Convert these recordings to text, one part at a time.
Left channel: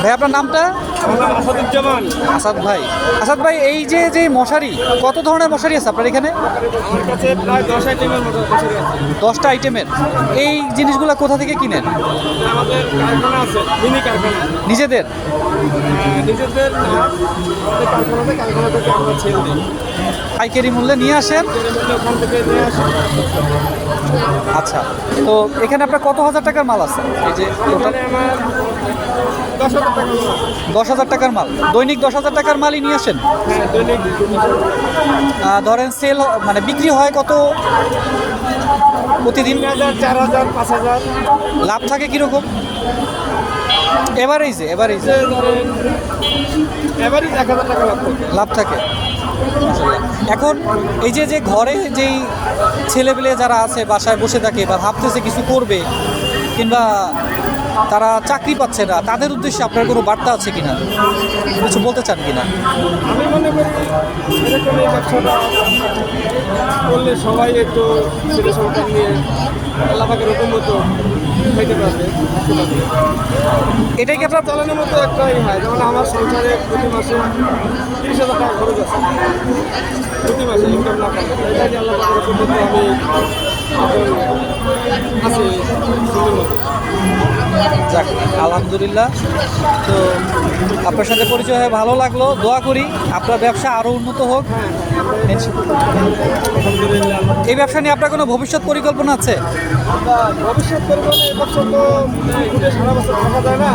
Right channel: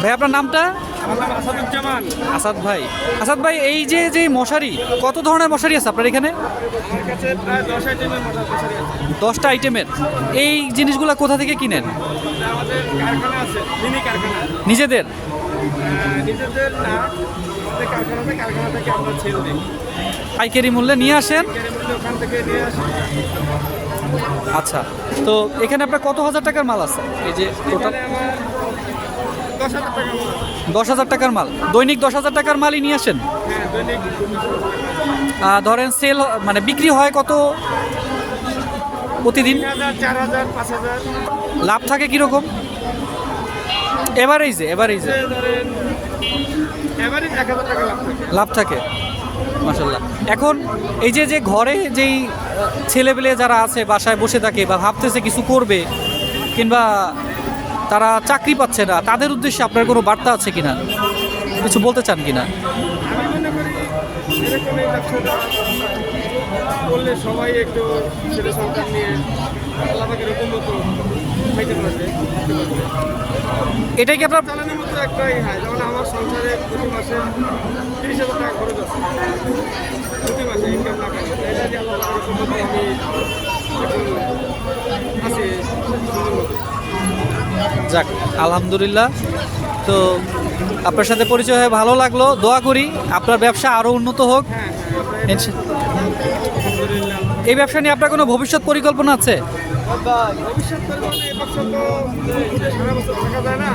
ভাই আপনার নামটা? আমার নাম আসাদুজ্জামান। আসাদ ভাই এই যে মশারি, কত ধরনের মশারি আছে আপনার এখানে? আমার কাছে প্রায় 10 আইটেমের মতো মশারি আছে। 10টা আইটেমের। এই জিনিসগুলো কোথা থেকে কিনেন? এটা আমাদের কারখানা আছে, মিনি কারখানা। নিজেদের? নিজেদের না, আমাদের কারখানা থেকে আমরা ছেড়ে দিই। পাইকারি মূল্যে নিয়ে আসেন? ওখান থেকে নিয়ে আসি। আচ্ছা, তো এখানে আপনার কত হাজার টাকার মাল আছে? এই যে এখানে আমার 10,000 টাকা মাল। 10,000 টাকার মাল, দৈনিক 10,000 টাকার মালই নিয়ে আসেন? হ্যাঁ, দৈনিক। ধরেন সেল মানে বিক্রি হয় কত প্রতিদিন? 3,000, 4,000, 5,000। লাভ থাকে কীরকম? এভারেজে ধরেন এভারেজ 1,000 টাকা লাভ থাকে। লাভ থাকে। মাশাআল্লাহ। এখন এই যে ঘরে যেই ছেলেপেলে যারা আছে বাসায় বসে থাকে বা ভাবতেছে কিছু করবে কিংবা তারা চাকরি পাচ্ছে না, তাদের উদ্দেশ্যে আপনার কোনো বার্তা আছে কিনা, কিছু বলতে চান কিনা? আমি মনে করি এরকম এই ব্যবসাটা করলে সবাই একটু ছেলে সন্তান নিয়ে আল্লাহ পাকের হুকুম মতো খাইতে পারবে। এটাই কি আপনার? চালানোর মতো একটাই হয়, যেমন আমার সংসারে প্রতি মাসে 30,000 টাকা খরচ আছে, প্রতি মাসে ইনকাম না করলে। এটা যে আল্লাহ পাকের হুকুম মতো আমি এখন আছি সুন্দর মতো। যাক, আলহামদুলিল্লাহ। তো আপনার সাথে পরিচয় হয়ে ভালো লাগলো। দোয়া করি আপনার ব্যবসা আরও উন্নত হোক। আলহামদুলিল্লাহ। এই ব্যবসা নিয়ে আপনার কোনো ভবিষ্যৎ পরিকল্পনা আছে? ভবিষ্যৎ পরিমাণে এই বছর তো ঘুরে সারা বছর থাকা যায় না,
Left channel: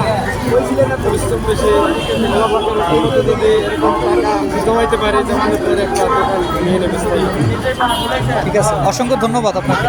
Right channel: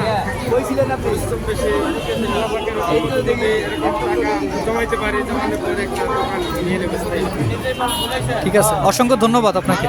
পরিশ্রম বেশি। আল্লাহ পাকের হুকুম মতো যদি এরকম টাকা জমাইতে পারে, জমানোর পরে একটা দোকান নিয়ে নেবে। ঠিক আছে, অসংখ্য ধন্যবাদ আপনাকে।